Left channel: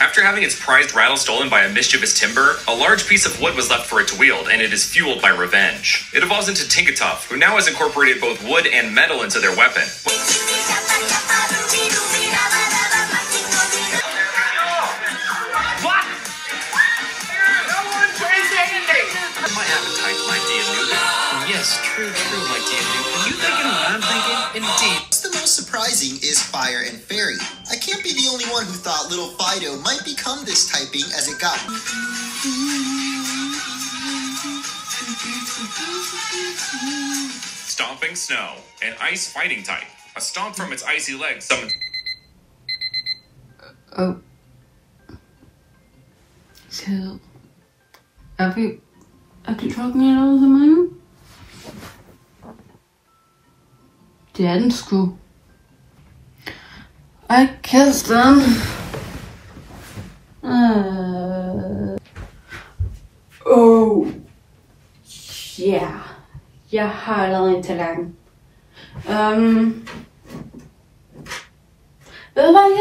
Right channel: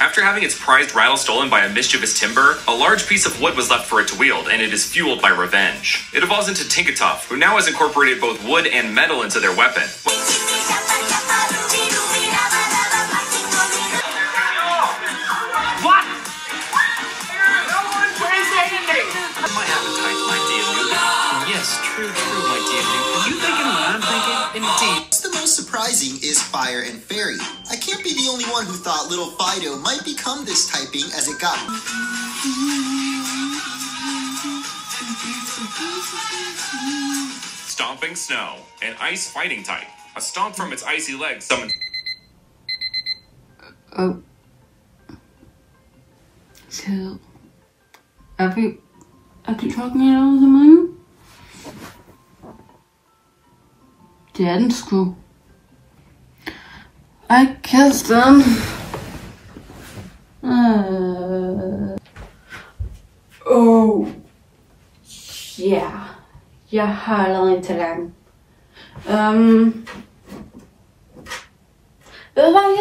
After having its prized rattle stolen by a mischievous timber, a large piece of wood was left for it to wield, and it is fueled by revenge. It evolves into Tinkatuff, who now has incorporated both wood and metal into their weapon. What? No one prays anything! My appetite, my dear Luke. Yes, true, my dear Luke. Are you thinking what I'm thinking? Indeed. What's the most surprising is Fire and Fairy. I can't be the only one who thought little Fido might become this typing as it got. Stomping Snow, an ice fighting type. A stomp from its icy legs summons. Oh. So, are we actually talking about the moon? Det er den sgu. I kissed them. Oh. Yeah. Jeg har allerede en tallerken. Ved du hvad,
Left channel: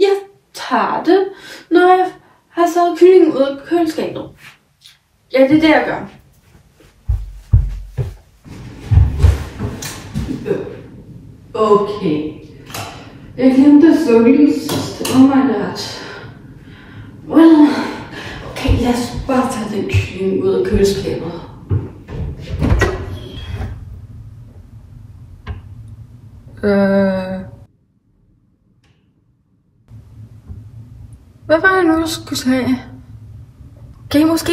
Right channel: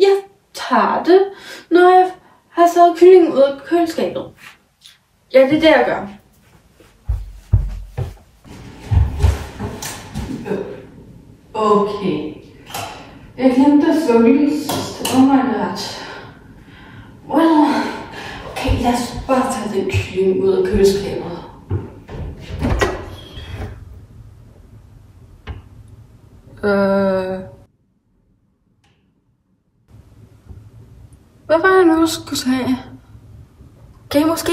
jeg tager det, når jeg har taget kyllingen ud af køleskabet. Ja, det er det, jeg gør. Okay. Jeg glemte at slukke lyset. Oh my god. Well, okay, lad os bare tage den kylling ud af køleskabet. Hvad var det nu, jeg skulle tage? Kan jeg måske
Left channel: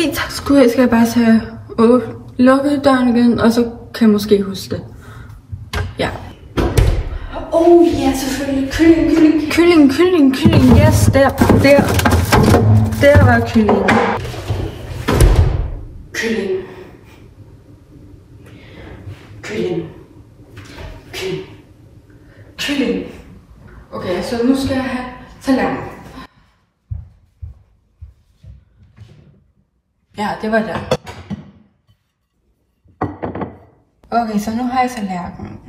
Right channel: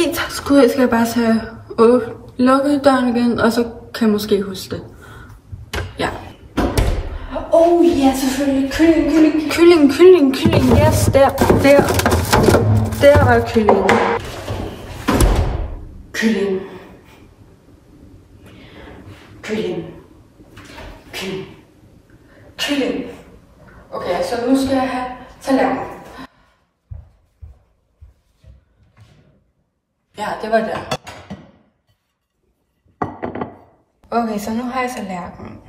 skal jeg bare tage lukke døren igen, og så kan jeg måske huske det. Ja. Ja, selvfølgelig. Kylling. Yes, der var kylling. Kylling. Okay, så nu skal jeg have tallerken. Ja, det var der. Okay, så nu har jeg tallerken.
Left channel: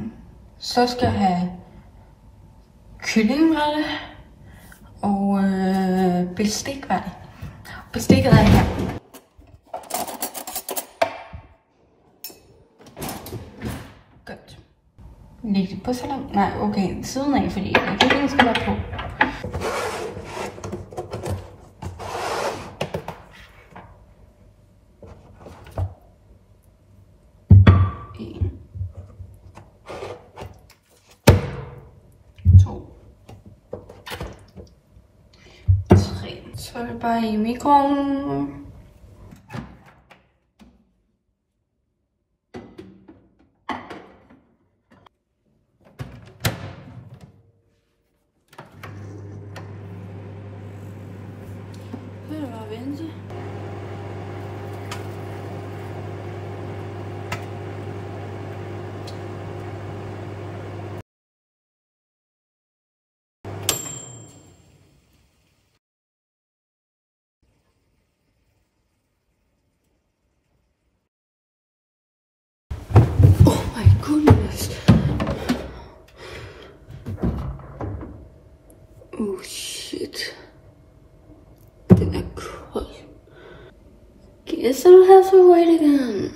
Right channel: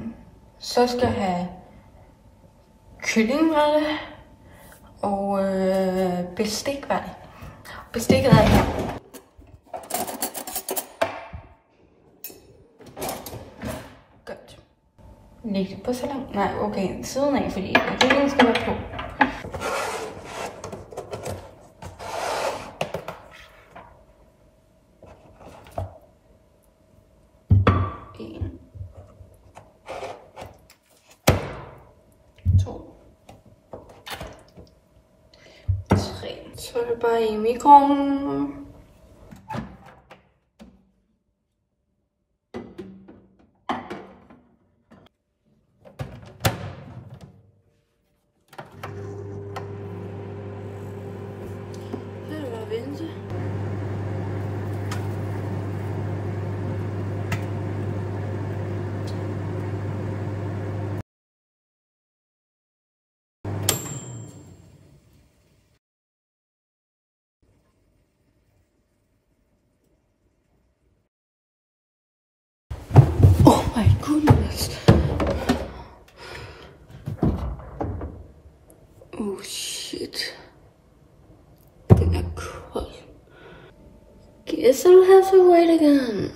Så skal jeg have kylling, var det? Og bestik, var det? Bestikket er her. Godt. Læg det på salat. Nej, okay, siden af, fordi kyllingen skal være på. Så er det bare i mikroovnen. Det er bare vente. Oh my goodness. Oh shit. Den er kold. Guess I'll have to wait again.